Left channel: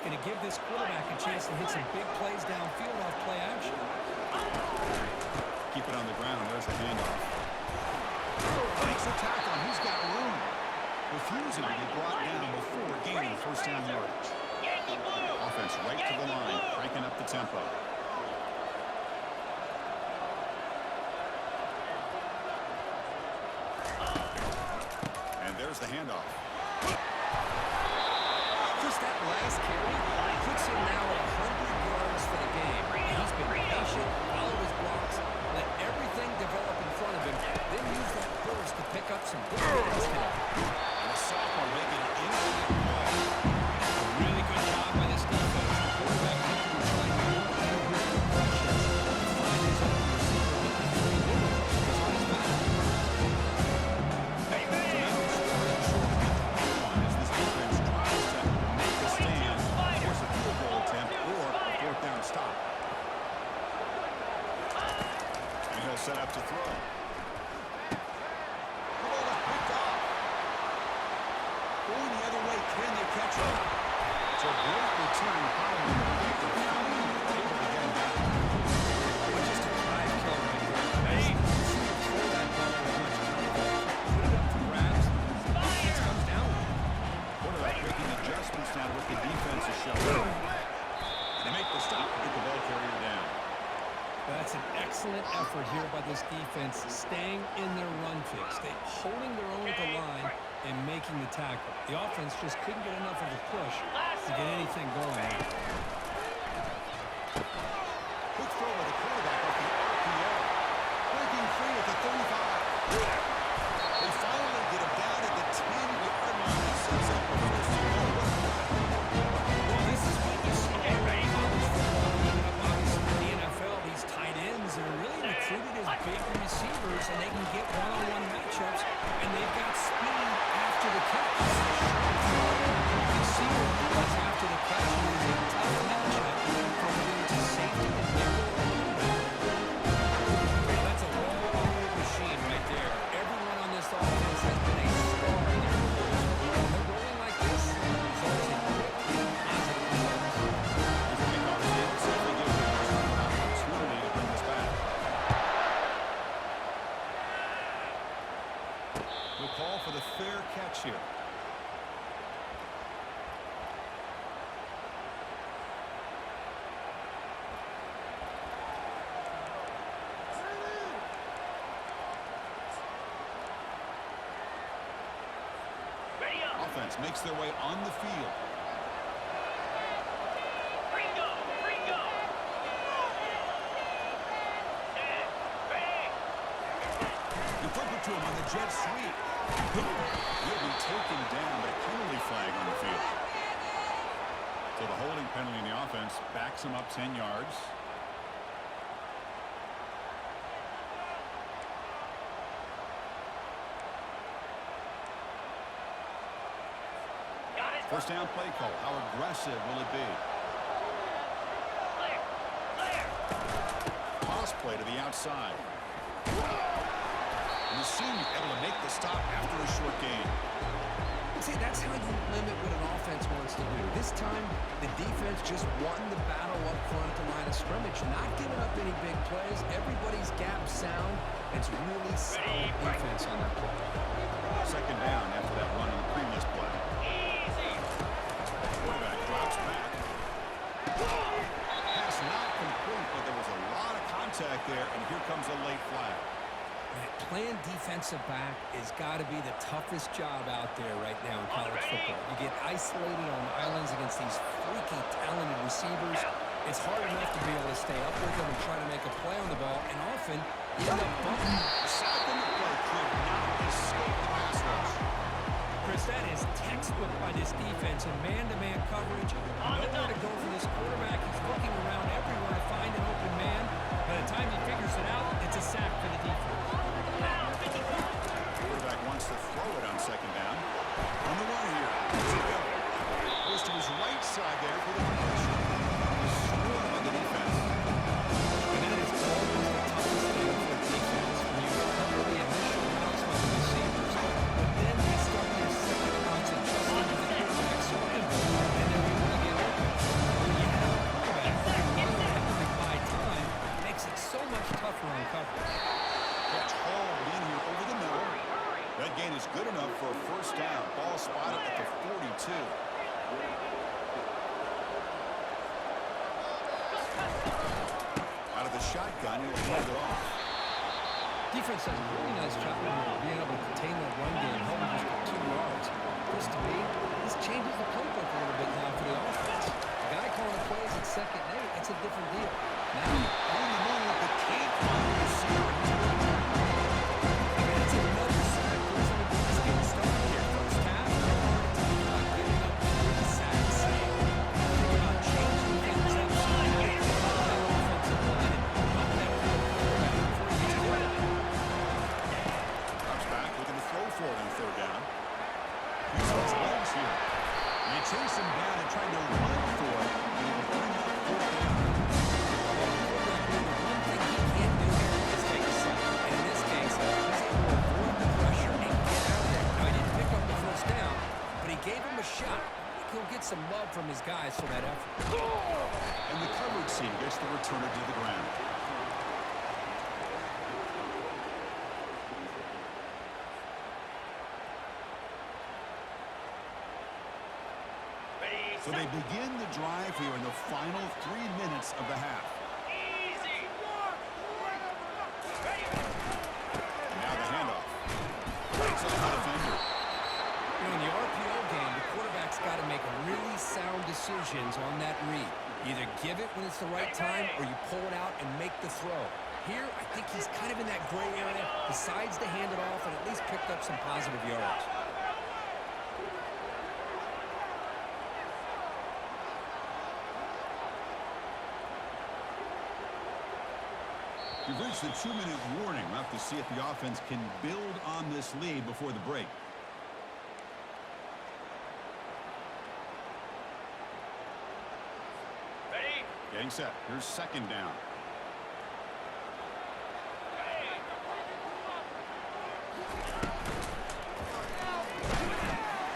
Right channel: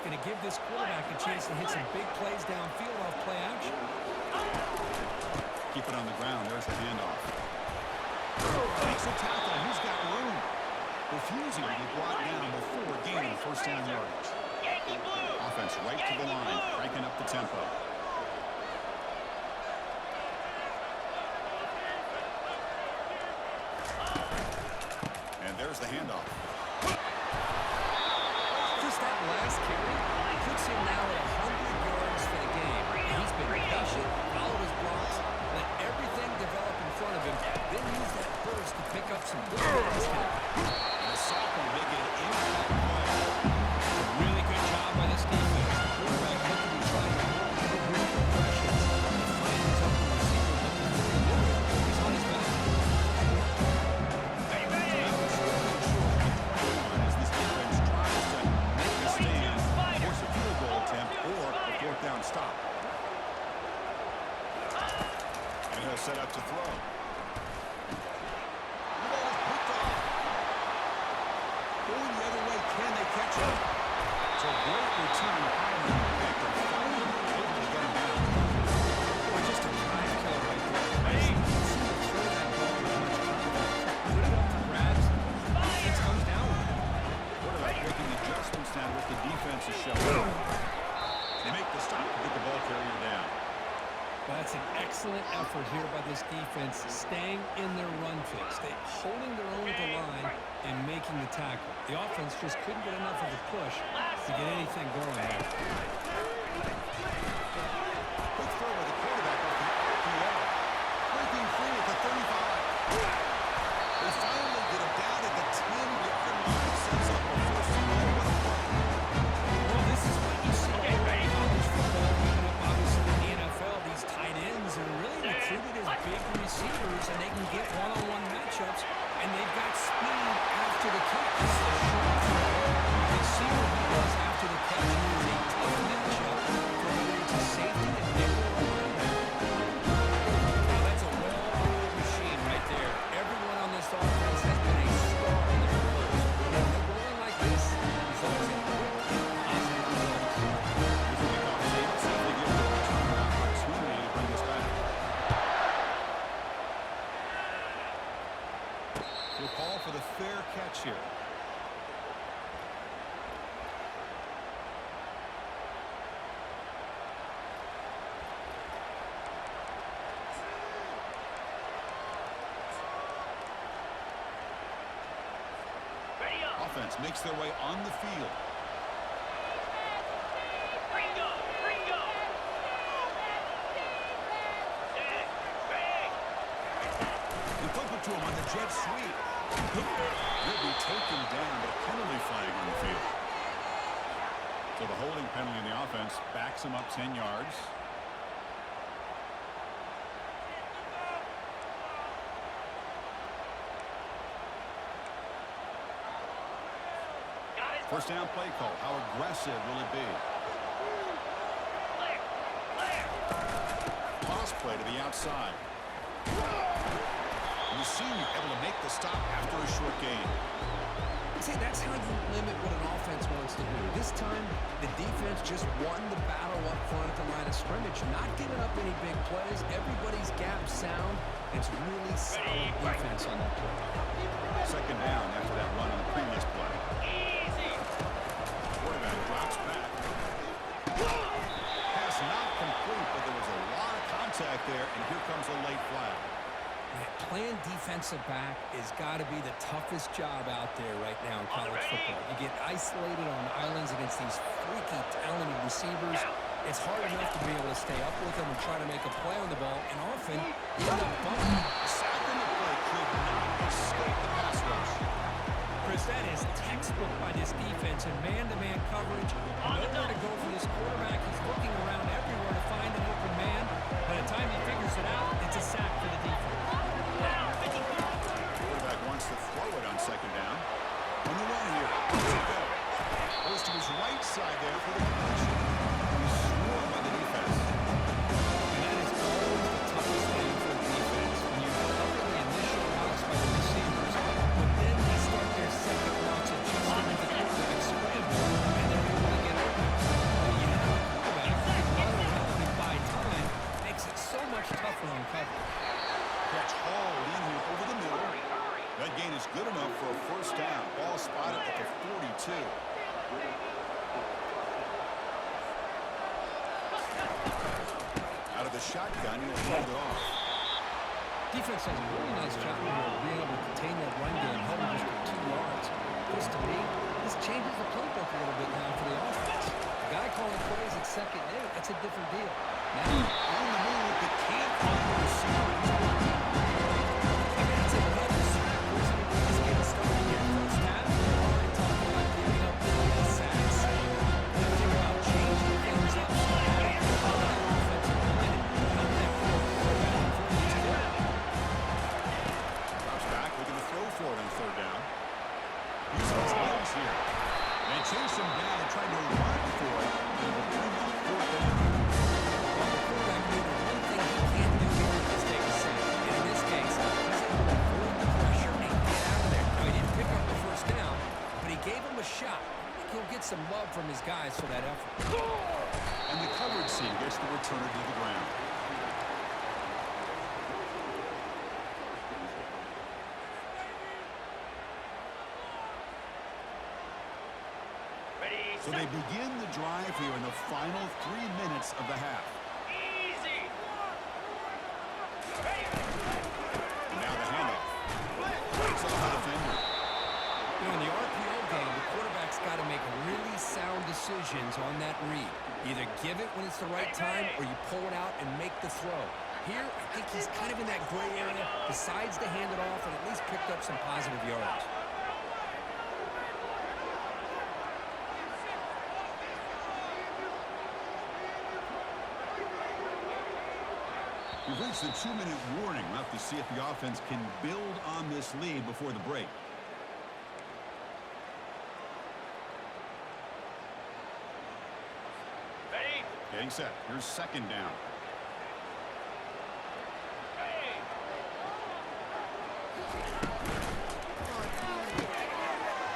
It's going to give this quarterback a chance to hit some big plays downfield off play action. Keep it on the ground. There's the handoff. Makes a tackle, and he's got room. Refusing to be brought down before gaining first down yardage. Offense right to the line, cranking up the tempo. And there's the handoff. Just that last carry puts him now at 100 yards for the game. He's been patient, followed his blocks, let everything develop in front of him, then use that burst to pick up some good yards today. And the sophomore making an impact play. A really good job by this defense. The quarterback looked to be trying to work through his progressions to find his open receiver, but before he knew it, he's on his back. So now it's starting short with 21 as this defense tries to make a stand, force a field goal attempt, or a fourth down stop. And he'll set up to throw. The ball is picked off. Going the other way, can they catch him? So great return following the pick, and finally able to get him down. Boy, just a drive killer right there. Amazing. You see him throw that ball with much confidence. Put it up for grabs. The defense comes down with it. Quarterback making adjustments now to what the defense is showing. They make the stop to get the ball carrier down. That's an excellent effort here by this defense, staying in their run fix. They holding their own at the line and making the tackle. The offense just couldn't get enough of a push to get anything going there. Quick throw with the quarterback off the RPO. Breaking free at the 35. They finally get him down at the 10-yard line. Sets up a first and goal. What a play. Well, this is what you see in college football, even up obviously in the NFL. These tight ends are really recruited as big receivers, and they can get one-on-one matchups, and they've got speed after the catch. This is a short throw. You can see what he does after the catch, and it is a tough matchup for whether it's a safety, a nickel, or a linebacker. Now, that's a well-oiled machine right there. Everyone on this offense has been a star in their roles. When they're rolling like this, results in quick and positive results. Here's a kickoff team. See if they give the return an opportunity to bring this back. We'll call for the fair catch here. Offense makes their way on the field. You flip it to him on the jet sweep. He'll be taken down, but a penalty flag on the field. So the holding penalty in the offense backs him up 10 yards. First down play call. How aggressive will it be? Toss play to the outside. And the senior able to make the stop after a short gain. See, that's how you limit what an offense wants to do. This time, the defense just won the battle up front at the line of scrimmage, not giving up any big plays. Everybody's gap sound. It's really solid defense on that play. Second down after that run on the previous play. Quarterback drops back. Pass not complete, but there was a lot of contact there, and here comes a late flag. Man, playing defensive back has got to be the toughest job out there right now in college football. You get isolated on islands against these freaky, talented receivers. It's hard enough to be able to stay up with them and try to make a play on the ball, and often you end up bumping. A sack on the play could not escape the pass rush. Chris, that is textbook by this defense in man-to-man coverage. Nowhere to go for this quarterback. He's looking around everywhere to find an open man. By the time he figures it out, it's a sack for the defense. Quarterback wants to throw it on second down. On the run here. Let's go. Goes to his right side there for the completion. He's swarmed by the defense. And that is always the toughest thing for a defense. When you cover the initial routes by the receivers, but then they start their second routes adjusting to the quarterback scramble, and they're able to get open. coverage. Catch hauled in here over the middle. That gain is good enough for a first down. Ball spotted at the 42. Out of the shotgun, he'll hand it off. Defense does a really nice job here of being able to contain that run game, held him just for 2 yards. This, to me, this changes the playbook a little bit now for the offense. The guy calling the plays at 2nd and 8, that's a different deal. Now, On the move, but can't find the receiver. He's brought down. I mean, it's another sack. Bruce, I mean, we're just getting started here. First half, we're already talking about giving up 3 sacks. You think about changing things up schematically, help that offensive line and help that poor quarterback before he gets killed. Drops back, looking to throw for it on 3rd down. Using his legs here. And they chase him down and try to run for it, but he will bring up 4th down. Well, the quarterback knew the one thing he can't do here is take a sack. And in this case, he's able to avoid the pressure and get out of there. Now, he didn't pick up the first down, but he gave him a shot. I think he'll get some love from his guys for that effort. And the coverage team gets the returner to the ground. So they begin the drive here in the final 3 minutes of the half. And now the handoff. Breaks off the defender. You know, in the RPO game, the quarterback's got to make really sound decisions on that read. Either give it when it's the right time or you pull it out and make the throw. Here, I think he's kind of in that gray area, decides to hand it off and at least picked up some positive yards. We've reached the 2-minute warning. We'll have to see if the offense can build on this lead before the break. Ready? Getting set. Here's 2nd down.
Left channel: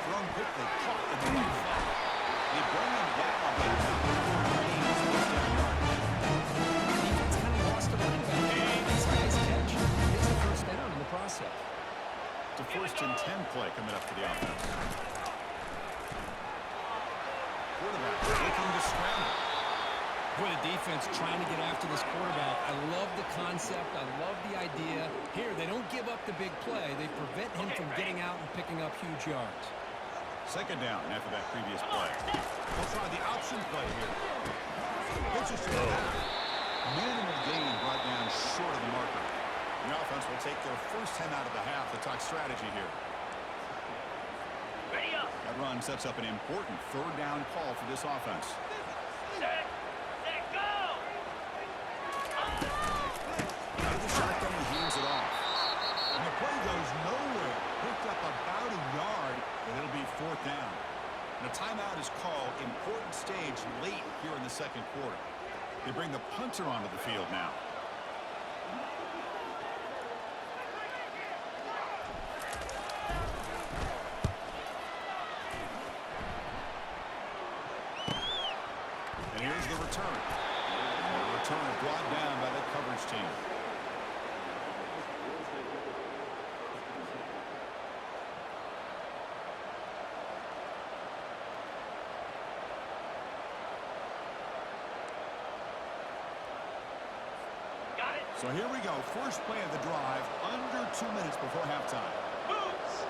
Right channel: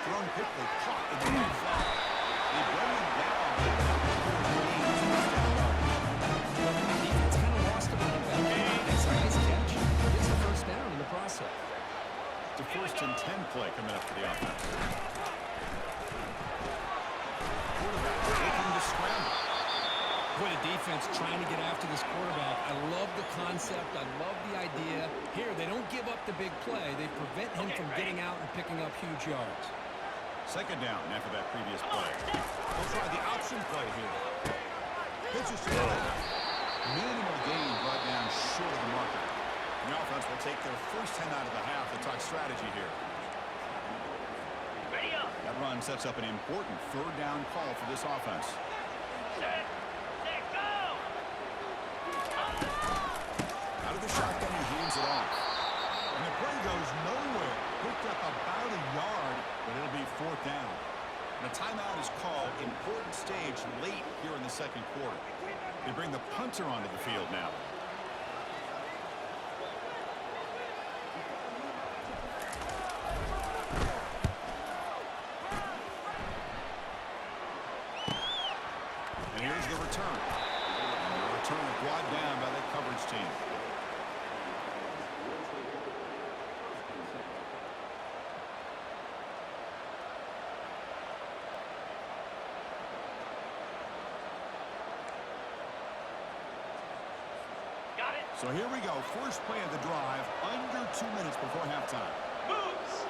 Thrown quickly, caught in the right flat. They bring him down, but not before he gains first down yardage. Defense kind of lost a running back. Makes a nice catch. Gets the first down in the process. It's a 1st and 10 play coming up for the offense. Quarterback looking to scramble. Boy, the defense trying to get after this quarterback. I love the concept. I love the idea. Here, they don't give up the big play. They prevent him from getting out and picking up huge yards. 2nd down after that previous play. They'll try the option play here. Pitches to the back. Minimal gain brought down short of the marker. The offense will take their first 10 out of the half to talk strategy here. Ready up. That run sets up an important 3rd down call for this offense. Set, go! Out of the shotgun, he hands it off. And the play goes nowhere. Picked up about a yard, but it'll be 4th down. And a timeout is called. Important stage late here in the 2nd quarter. They bring the punter onto the field now. And here's the return. And the return is brought down by the coverage team. Got it. So here we go. First play of the drive, under 2 minutes before halftime. Moves.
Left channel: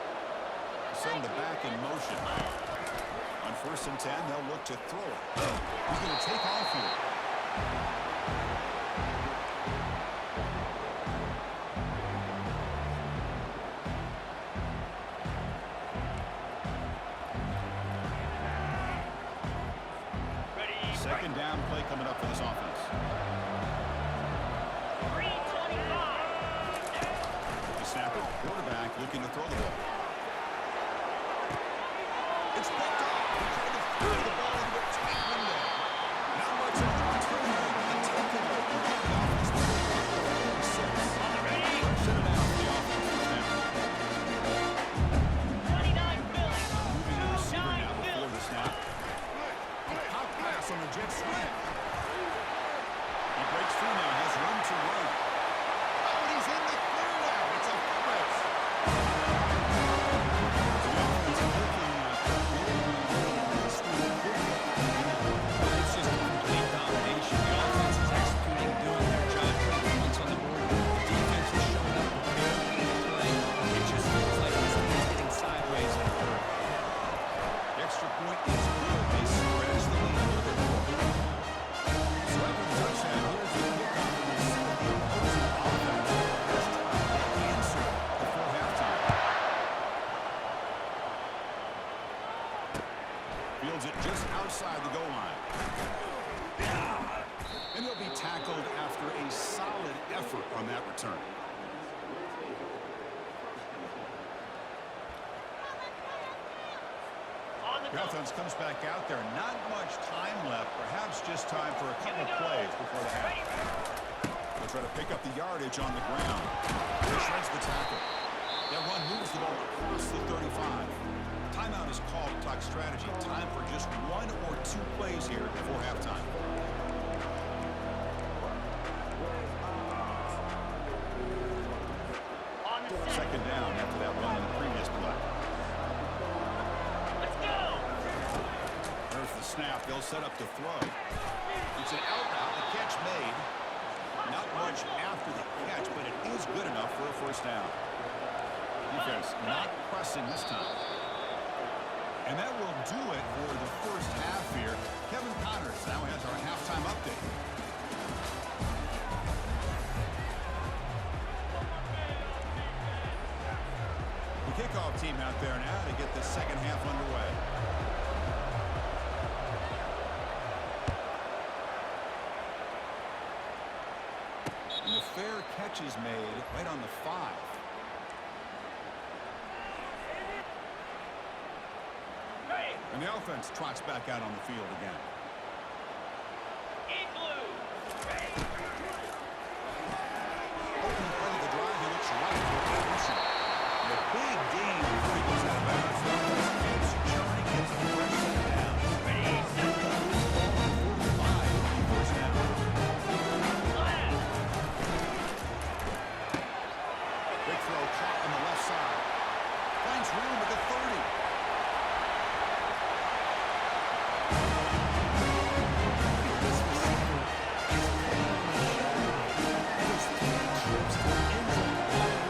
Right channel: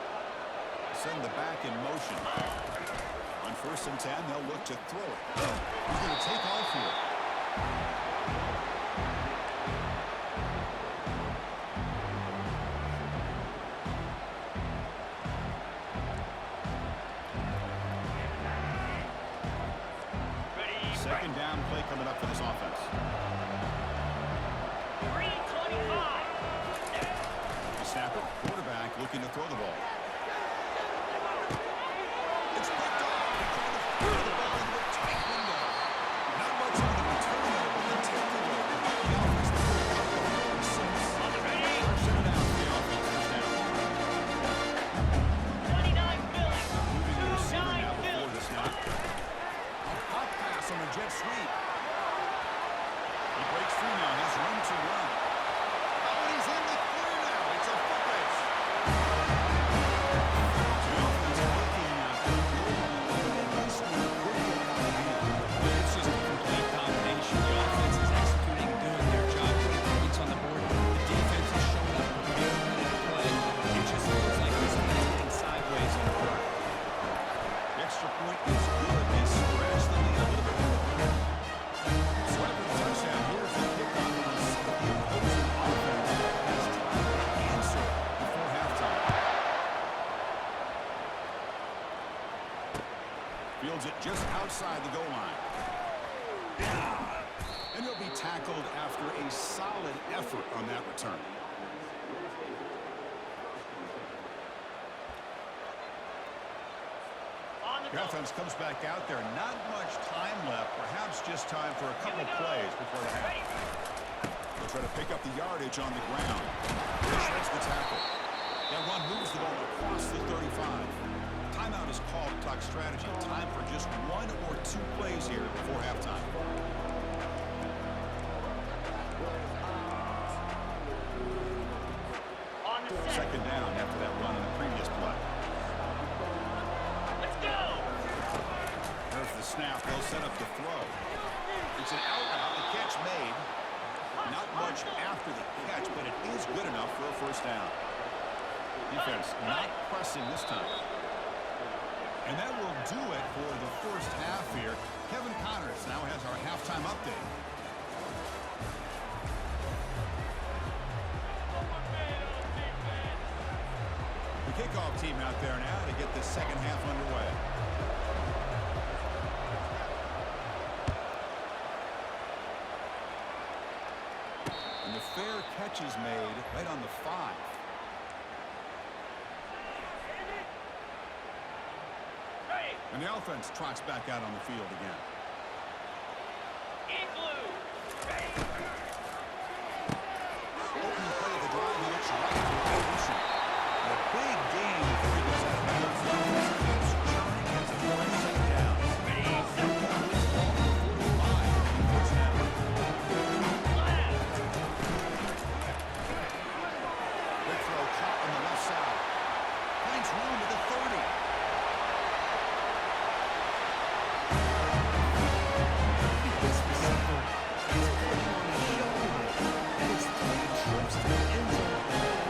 Send the back in motion. On 1st and 10, they'll look to throw it. He's going to take off here. Ready. 2nd down play coming up for this offense. 325. The snapper, quarterback looking to throw the ball. It's picked off. He tried to throw the ball into a tight window. Not much on the return there, but the takeaway will give the offense the full block of 46. On the ready. Shut it out for the offense. First down. 29 Philly. Moving the receiver 29 now before Philly. the snap. A pop pass on the jet sweep. He breaks free now, has room to run. tackled after a solid effort on that return. On the The go. offense comes back out there. Not much time left. Perhaps just time for a couple plays before the half. They'll try to pick up the yardage on the ground. He shreds the tackle. That run moves the ball across the 35. Timeout is called to talk strategy. Time for just 1 or 2 plays here before halftime. On the set. Second down after that run in the previous play. Let's go. There's the snap. They'll set up to throw. It's an out route. The catch made. Not much after the catch, but it is good enough for a first down. Defense not pressing this time. And that will do it for the first half here. Kevin Connors now has our halftime update. The kickoff team out there now to get the second half underway. And the fair catch is made right on the 5. Ready. And the offense trots back out on the field again. In blue. Ready. Opening play of the drive, he looks right for Peterson. And a big gain before he goes out of bounds. The offense keeps churning, gets a fresh set of downs. Ready. Set. This ball to 45 on the first down. Left. Big throw caught on the left side. Finds room at the 30. This receiver is putting on a show today. That is 3 trips to the end zone already.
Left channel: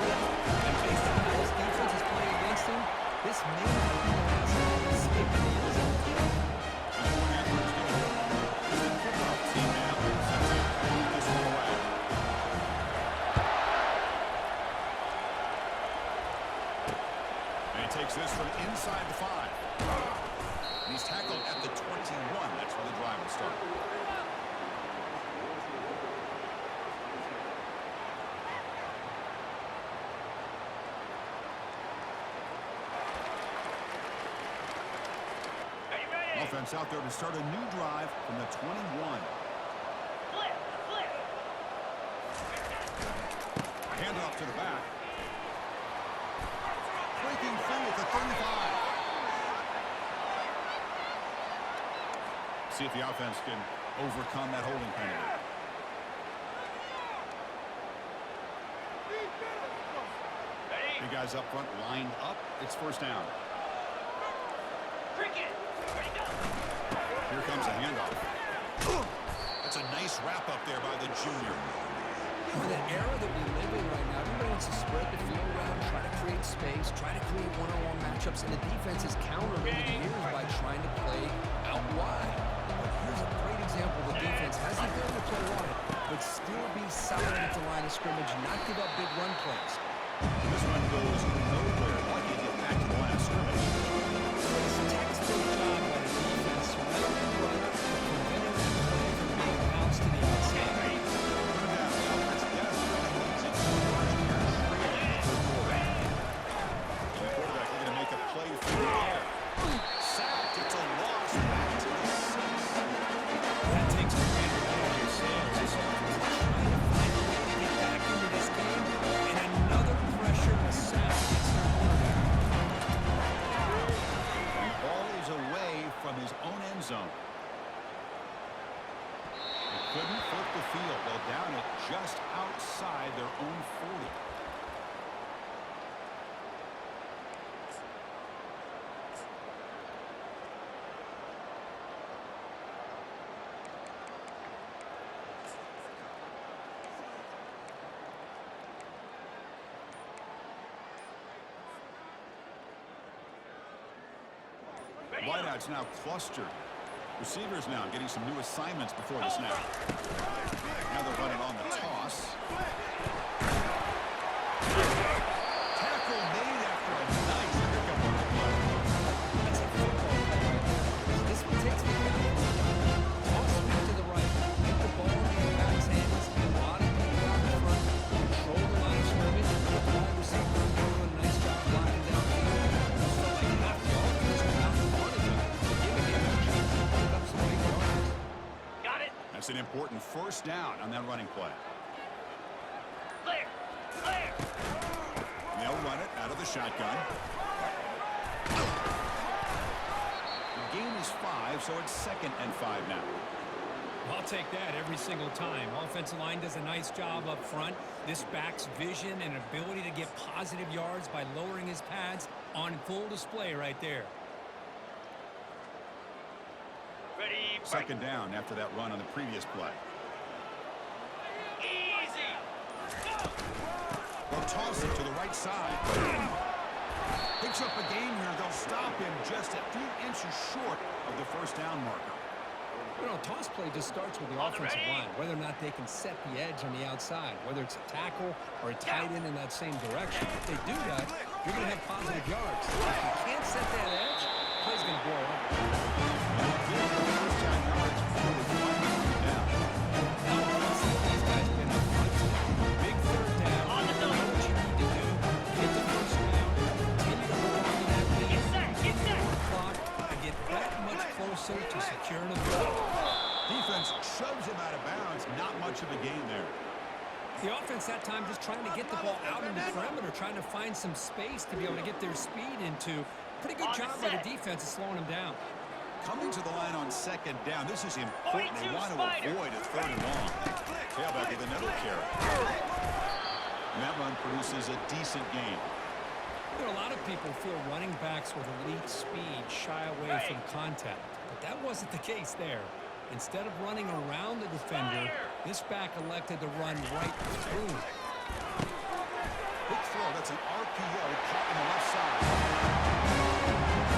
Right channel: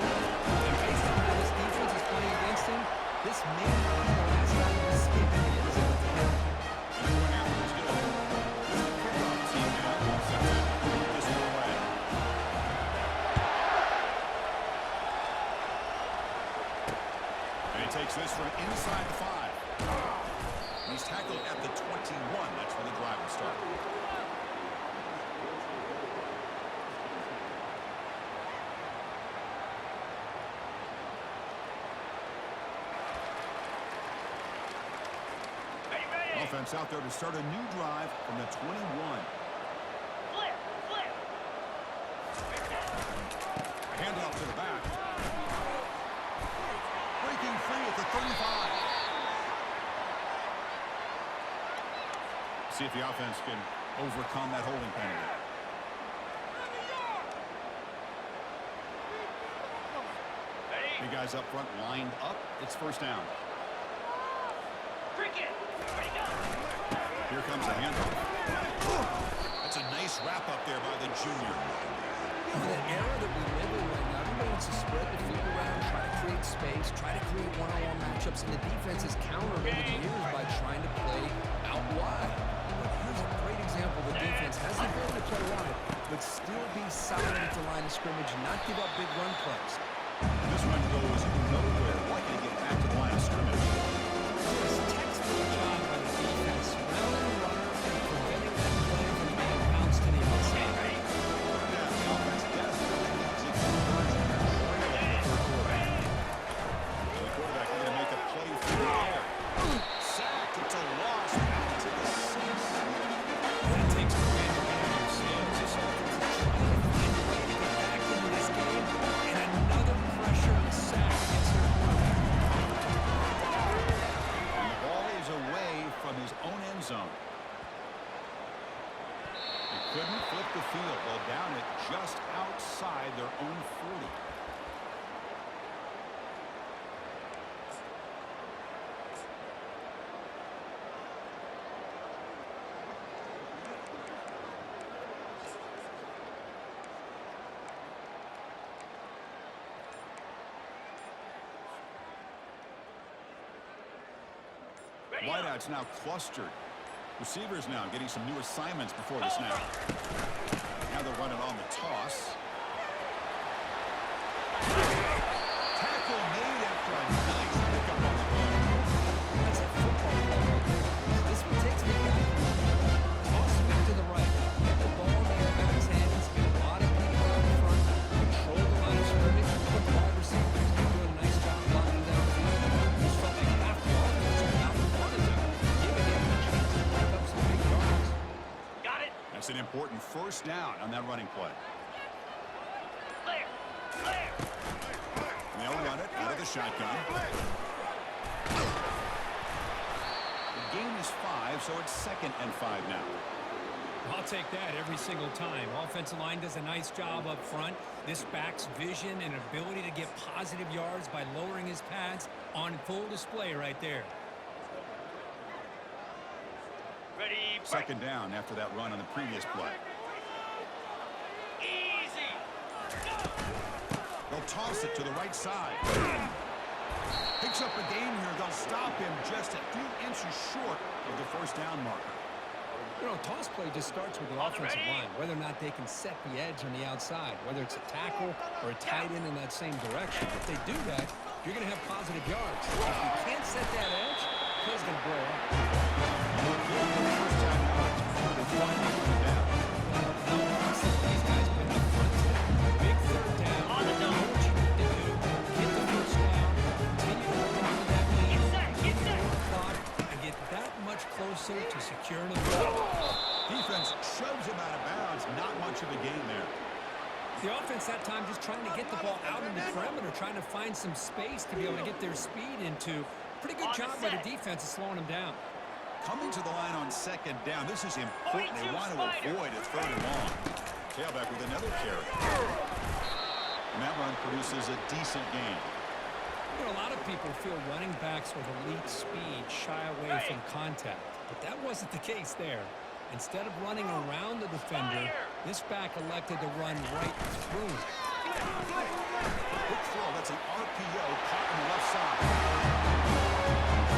And based on how this defense is playing against him, this may not be the last time we see him in the end zone today. And the point after is good. Here's the kickoff team now. Set to move this one away. And he takes this from inside the 5. And he's tackled at the 21. That's where the drive will start. Ready, ready. Offense out there to start a new drive from the 21. Flip, flip. Handoff to the back. Breaking free at the 35. See if the offense can overcome that holding penalty. Ready. Big guys up front lined up. It's first down. Cricket. Ready, go. Here comes a handoff. That's a nice wrap up there by the junior. You know, the era that we live in right now, everybody wants to spread the field around, try to create space, try to create one-on-one matchups, and the defense is countered over the years by trying to play out wide. But here's a great example. The defense has the ability to play wide, but still be solid at the line of scrimmage, not give up big run plays. This one goes nowhere. Lucky to get back to the line of scrimmage. This textbook job by the defense, surrounding the runner and preventing that play from being bounced to the outside. Third down. The offense desperately needs its conversion here, trailing in the third quarter. And the quarterback looking to make a play through the air. Sacked. It's a loss. Back to the 6. That takes the wind right out of your sails. This offense is trying to find a way to get back into this game, and another pressure and a sack against their quarterback. And the ball is away from his own end zone. They couldn't flip the field. Well, down it just outside their own 40. Ready, Wideouts now clustered. Receivers now getting some new assignments before the snap. Now they'll run it on the toss. Tackle made after a nice pickup on the play. That's a football play right there. This one takes me back a little bit. Toss sweep to the right. Get the ball in the back It's an important first down on that running play. Clear. Clear. And they'll run it out of the shotgun. The gain is 5, so it's 2nd and 5 now. I'll take that every single time. Offensive line does a nice job up front. This back's vision and ability to get positive yards by lowering his pads on full display right there. Ready. Second down after that run on the previous play. Easy. Go. They'll toss it to the right side. Picks up a gain here. They'll stop him just a few inches short of the first down marker. You know, toss play just starts with the offensive line, whether or not they can set the edge on the outside, whether it's a tackle or a tight end in that same direction. If they do that, you're going to have positive yards. If you can't set that edge, play's going to blow up. And they'll give them first down yards before they finally bring it down. How impressive these guys been up front today. Big third down. On the You know what you need to do. Get the first down. Continue to hold on to that lead. Get set, get Continue to set. work clock and get that much closer to securing a goal. Defense shoves him out of bounds. Not much of a gain there. The offense that time just trying to get the ball out in the perimeter, trying to find some space to be able to get their speed into. Pretty good job by the defense of slowing them down. Coming to the line on second down. This is important. They 42 want to Spider. avoid a 3rd and long. Tailback with another carry. And that run produces a decent gain. You know, a lot of people feel running backs with elite speed shy away from contact, but that wasn't the case there. Instead of running around the defender, this back elected to run right through him. Big throw. That's an RPO caught on the left side.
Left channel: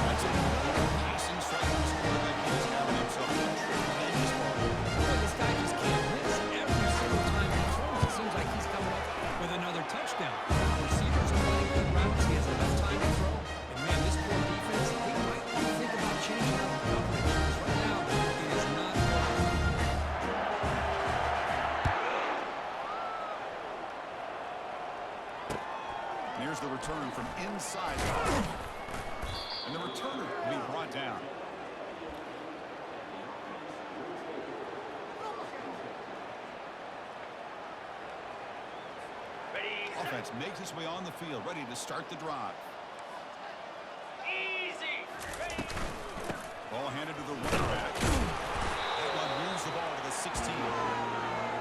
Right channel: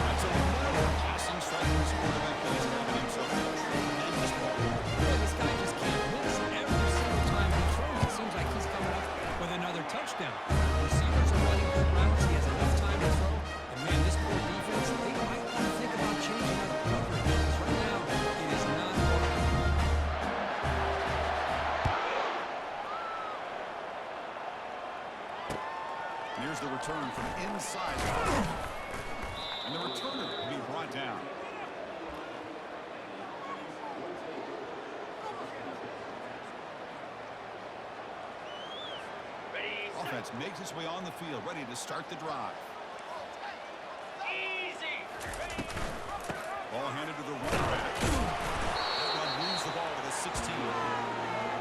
That's another passing strike from his quarterback. He is having himself a tremendous ball. Boy, this guy just can't miss. Every single time he throws, it seems like he's coming up with another touchdown. Receivers are running good routes. He has enough time to throw. And, man, this poor defense, they might want to think about changing up coverage because right now it is not working. And here's the return from inside. And the returner will be brought down. Ready. Offense makes its way on the field, ready to start the drive. Easy. Ready. Ball handed to the running back. That one moves the ball to the 16.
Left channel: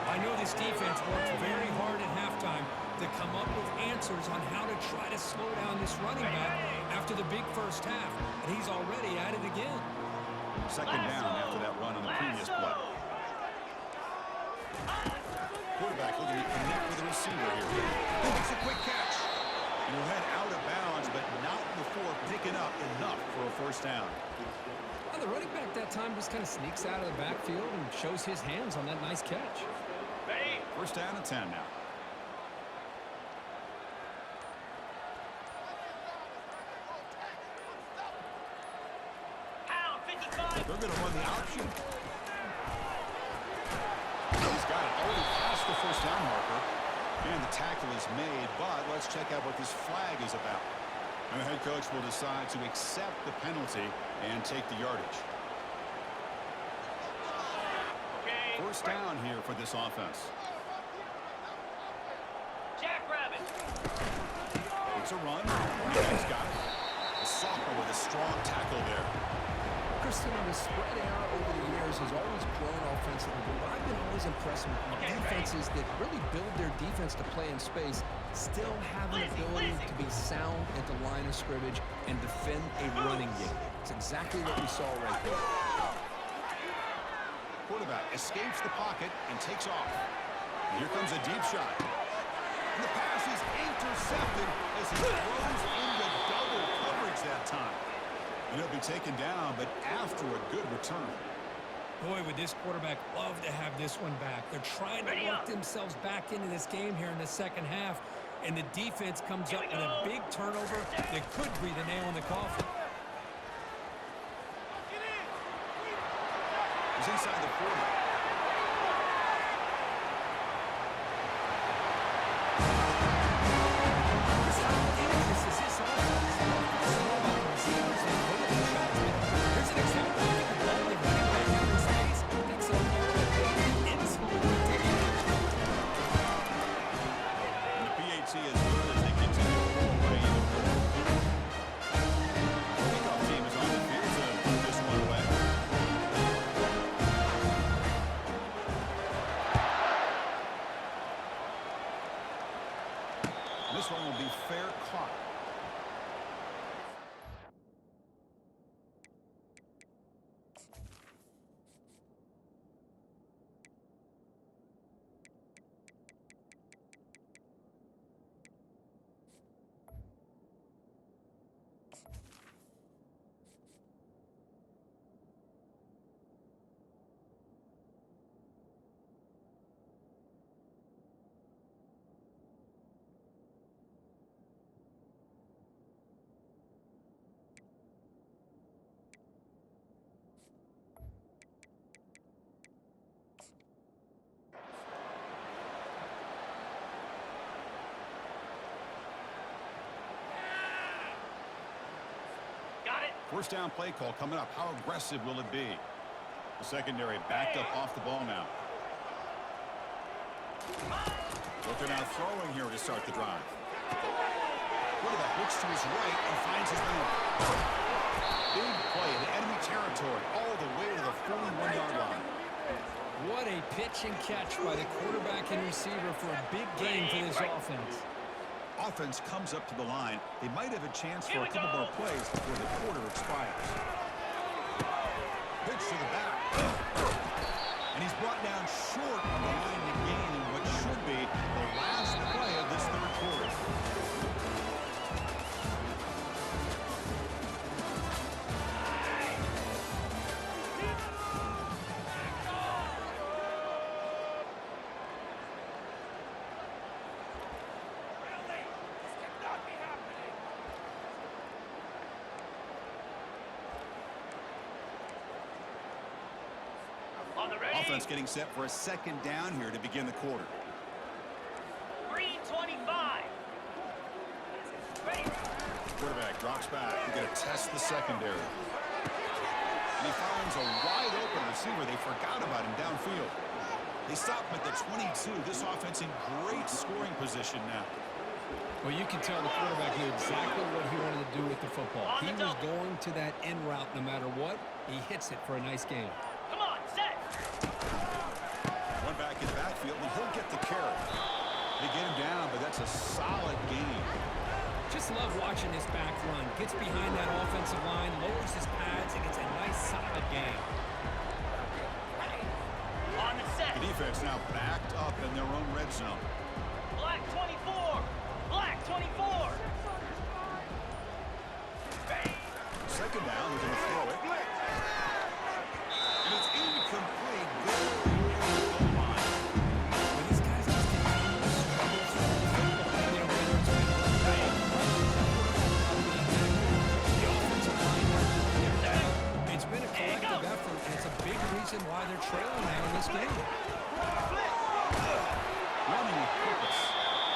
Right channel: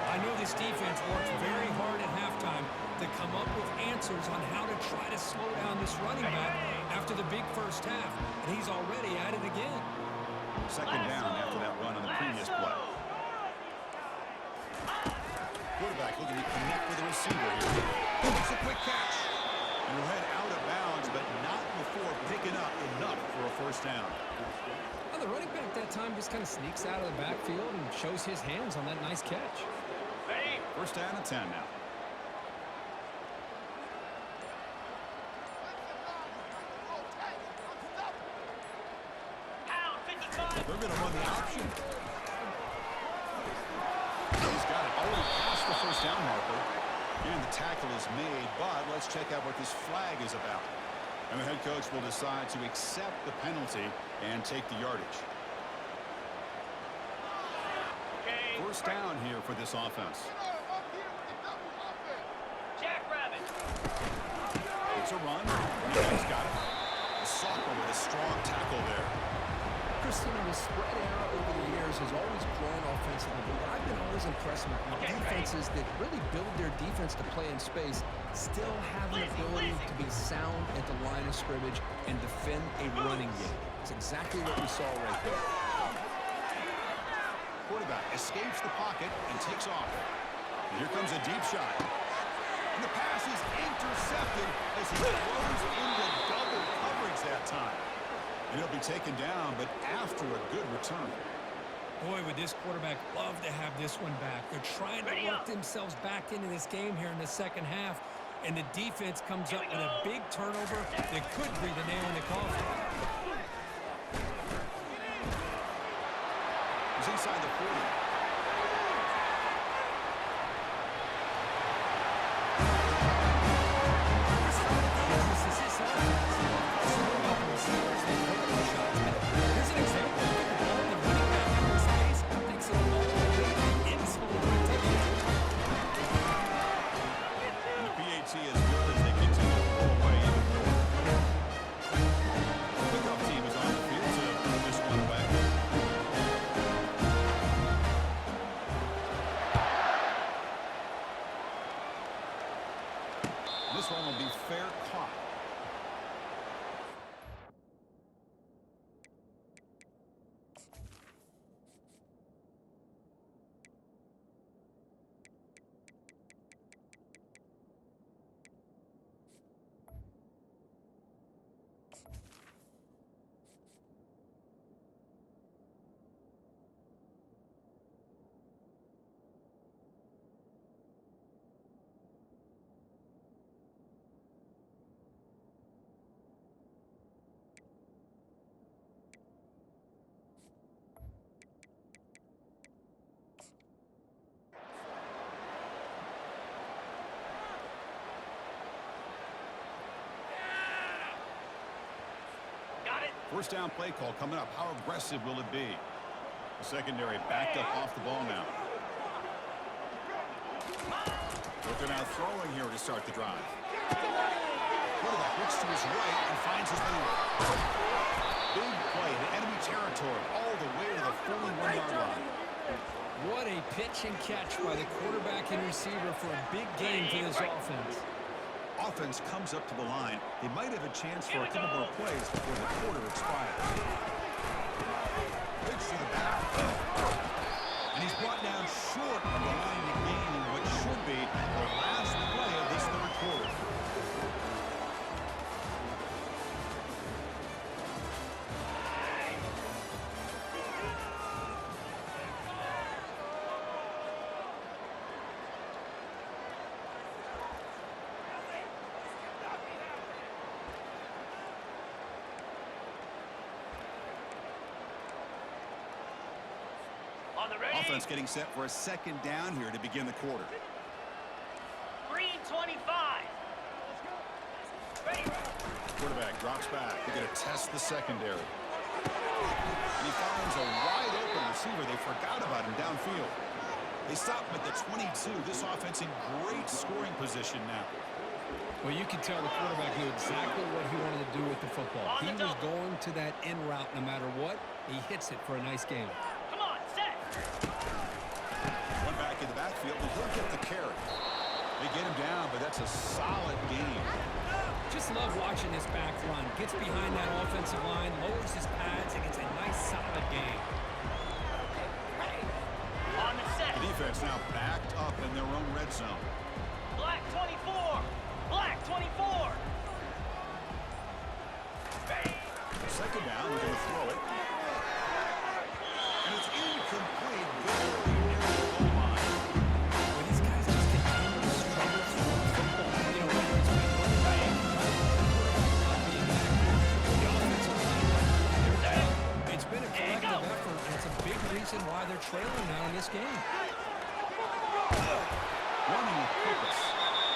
I know this defense worked very hard at halftime to come up with answers on how to try to slow down this running back after the big first half, and he's already at it again. Second down after that run on the previous play. Quarterback looking to connect with the receiver here. It's a quick catch. And he'll head out of bounds, but not before picking up enough for a first down. Now, the running back that time just kind of sneaks out of the backfield and shows his hands on that nice catch. Ready. First down and 10 now. Pound 55. They're going to run the option. He's got it already past the first down marker. And the tackle is made, but let's check out what this flag is about. And the head coach will decide to accept the penalty and take the yardage. Okay. First down here for this offense. Jackrabbit. It's a run. He's got it. The sophomore with a strong tackle there. Christina, the spread era over the years has always grown offensively, but what I've been always impressed with Okay, defenses that really build their defense to play in space still have an ability to be sound at the line of scrimmage and defend a running game. It's exactly what we saw right there. Quarterback escapes the pocket and takes off. And here comes a deep shot. And the pass is intercepted as he throws into double coverage that time. And he'll be taken down, but after a good return. Boy, would this quarterback love to have this one back. They're trying to work themselves back into this game here in the second half, and the defense comes up with a big turnover that could breathe a nail in the coffin. He's inside the 40. How dangerous is this offense? It's more about the receivers and vertical shots, but here's an example. Look at the ball, the running back out in space, takes it all the way to the fair caught. Got it. First down play call coming up. How aggressive will it be? The secondary backed up off the ball now. But they're now throwing here to start the drive. Quarterback looks to his right and finds his man. Big play in enemy territory all the way to the 41-yard line. What a pitch and catch by the quarterback and receiver for a big game for this offense. Offense comes up to the line. They might have a chance for a couple more plays before the quarter expires. Pitch to the back. And he's brought down short of the line to gain in what should be the last play of this third quarter. On the ready. Offense getting set for a second down here to begin the quarter. Green 25. Ready. Quarterback drops back. They're going to test the secondary. And he finds a wide-open receiver. They forgot about him downfield. They stop him at the 22. This offense in great scoring position now. Well, you can tell the quarterback knew exactly what he wanted to do with the football. He was going to that in route no matter what. He hits it for a nice game. Come on, set. One back in the backfield, and he'll get the carry. They get him down, but that's a solid game. Just love watching this back run. Gets behind that offensive line, lowers his pads, and gets a nice, solid game. On the set. The defense now backed up in their own red zone. Black 24. Black 24. Second down, they're going to throw it. And it's incomplete, very near the goal line. Well, these guys just continue to struggle throwing the football. You know, whether it's been running, quarterback not being accurate, the offensive line not doing their job. It's been a collective effort, and it's a big reason why they're trailing now in this game. Running with purpose.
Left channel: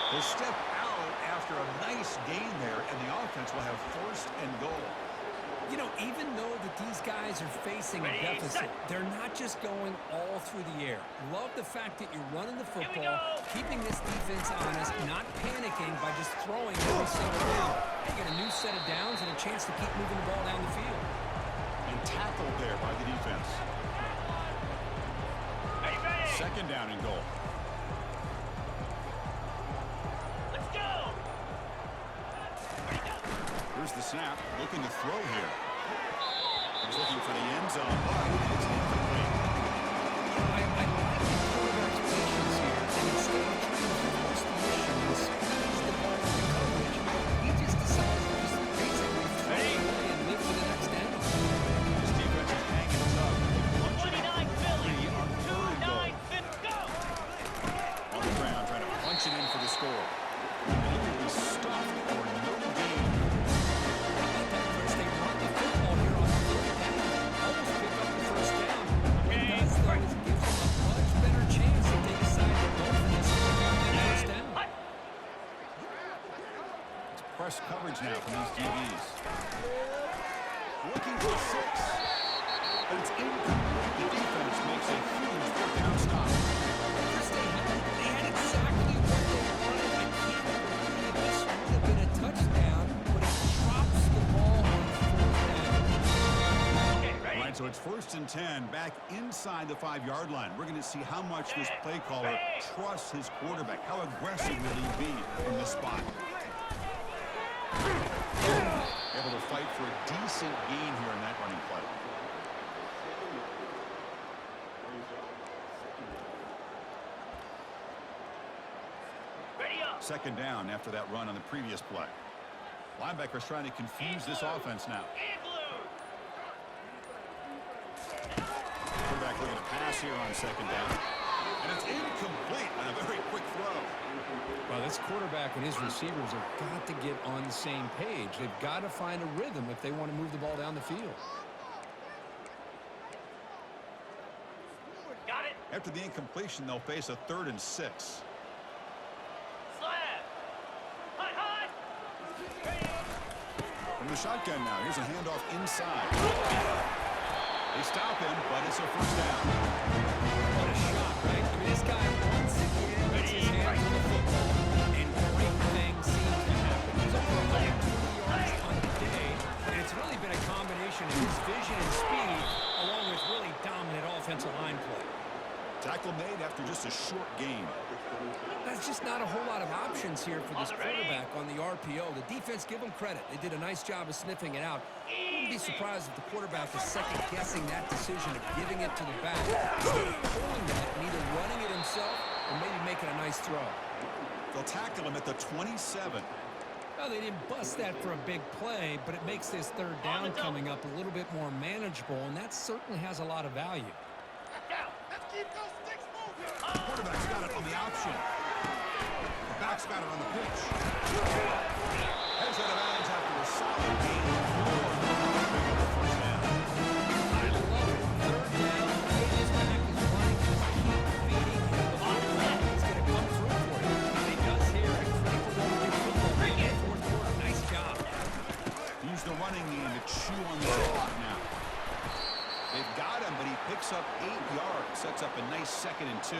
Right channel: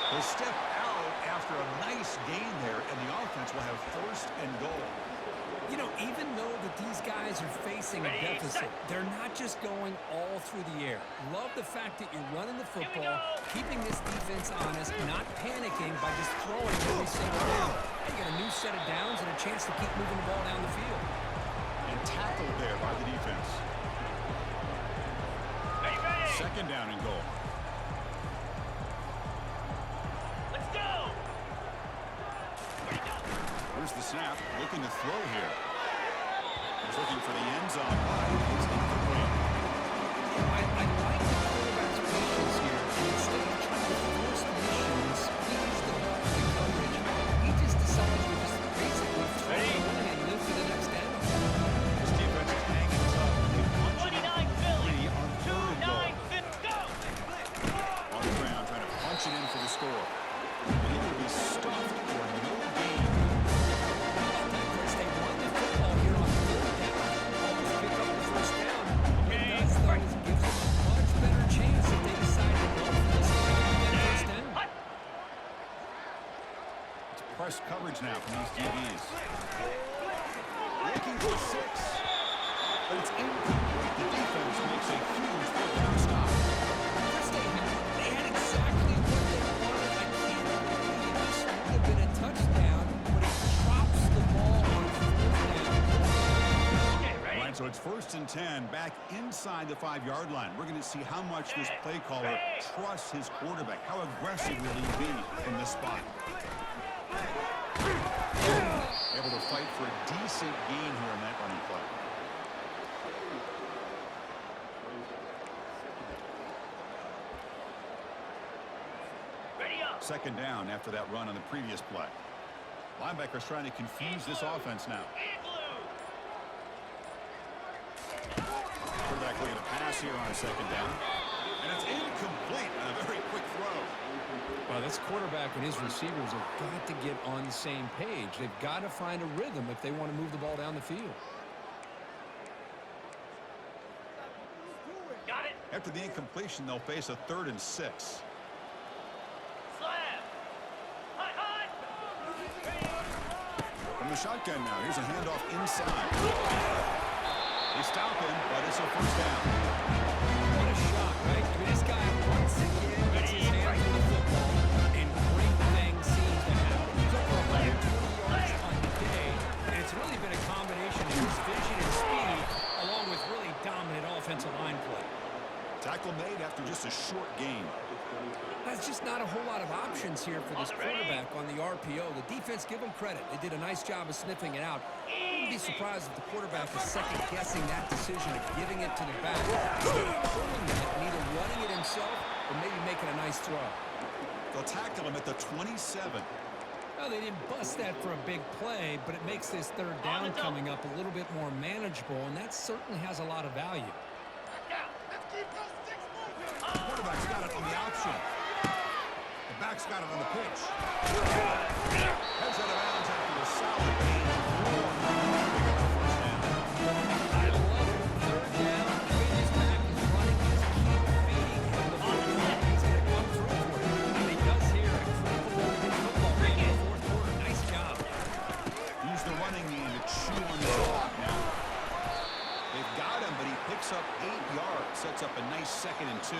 They'll step out after a nice gain there, and the offense will have first and goal. You know, even though that these guys are facing a deficit, they're not just going all through the air. Love the fact that you're running the football, keeping this defense honest, not panicking by just throwing every single down. They get a new set of downs and a chance to keep moving the ball down the field. And tackled there by the defense. Second down and goal. Let's go. Here's the snap, looking to throw here. He's looking for the end zone, but it's incomplete. You know, I like the quarterback's patience here, and instead of trying to force the issue and squeeze the ball into coverage, he just decides to just basically throw it away and live for the next down. This defense is hanging tough. They punch it in 29 Philly. on third and goal. 2-9, go. On the ground, trying to punch it in for the score. And he will be stuffed for no gain. How about that, Chris? They run the football here on third down, almost pick up the first down. What it does, though, is it gives them a much better chance if they decide to go for this and pick up that first down. It's press coverage now from these DBs. Looking for 6. But it's incomplete. The defense makes a huge fourth down stop. Chris, they had exactly what they wanted. I can't believe this would have been a touchdown, but he drops the ball on fourth down. Okay, ready. All right, so it's first and 10 back inside the 5-yard line. We're going to see how much this play caller trusts his quarterback. How aggressive will he be in this spot? Able to fight for a decent gain here in that running play. Ready up. Second down after that run on the previous play. Linebackers trying to confuse this offense now. And blue. Quarterback looking to pass here on second down. And it's incomplete on a very quick throw. Well, this quarterback and his receivers have got to get on the same page. They've got to find a rhythm if they want to move the ball down the field. Got it. After the incompletion, they'll face a 3rd and 6. Slab. Hot, hot. Ready up. From the shotgun now, here's a handoff inside. They stop him, but it's a first down. What a shock, right? I mean, this guy once again gets his hands on the football, and great things seem to happen. He's over 120 yards on the day, and it's really been a combination of his vision and speed, along with really dominant offensive line play. Tackle made after just a short gain. There's just not a whole lot of options here for this quarterback on the RPO. The defense, give them credit. They did a nice job of sniffing it out. I wouldn't be surprised if the quarterback is second-guessing that decision of giving it to the back, instead of pulling that and either running it himself or maybe making a nice throw. They'll tackle him at the 27. Well, they didn't bust that for a big play, but it makes this third down coming up a little bit more manageable, and that certainly has a lot of value. Down. Let's keep those sticks moving. The quarterback's got it on the option. The back's got it on the pitch. Heads out of bounds after a solid gain. More than enough to pick up the first down. I love it. Third down, the way this back is running, just keep feeding him the football. He's going to come through for you. And he does here at a critical moment in football game in the fourth quarter. Nice job. Use the running game to chew on the clock now. They've got him, but he picks up 8 yards. Sets up a nice 2nd and 2.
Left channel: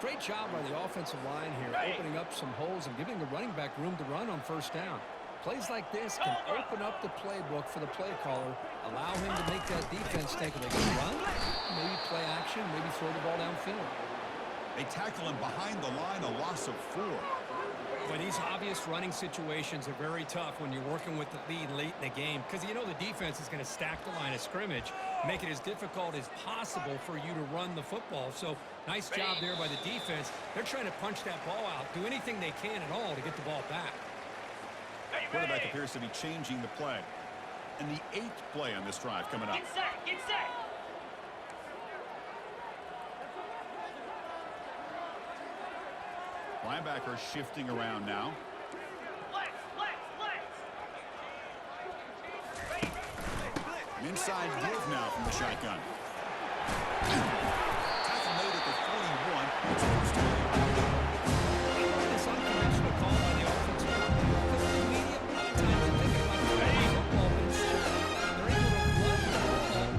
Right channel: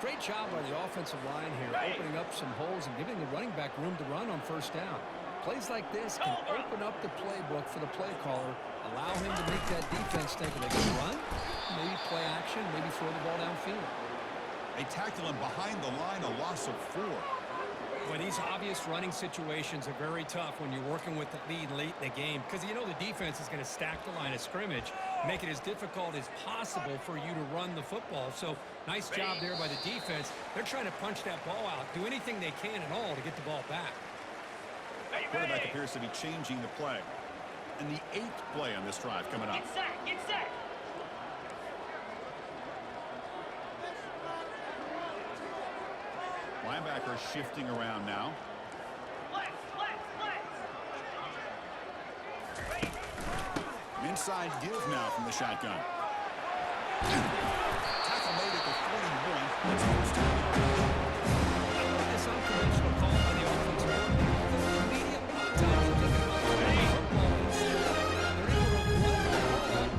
Great job by the offensive line here, opening up some holes and giving the running back room to run on first down. Plays like this can open up the playbook for the play caller, allow him to make that defense think they can run, maybe play action, maybe throw the ball downfield. They tackle him behind the line, a loss of 4. But these obvious running situations are very tough when you're working with the lead late in the game, because you know the defense is going to stack the line of scrimmage, make it as difficult as possible for you to run the football. So nice job there by the defense. They're trying to punch that ball out, do anything they can at all to get the ball back. Quarterback appears to be changing the play. And the 8th play on this drive coming up. Get set. Get set. Linebackers shifting around now. Flex, flex, flex. Ready. An inside give now from the shotgun. Tackle made at the 41. It's first down. I love this unconventional call by the offensive coordinator. The media, a lot of times they're thinking about throwing the football, but instead they're able to run the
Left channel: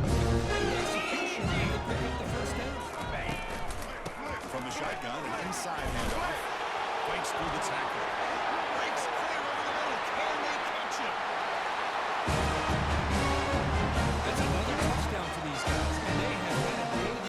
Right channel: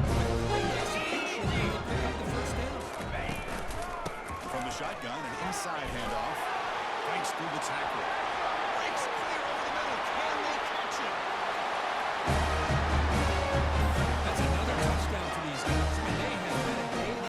ball with great execution and they pick up the first down. From the shotgun, an inside handoff. Fights through the tackle.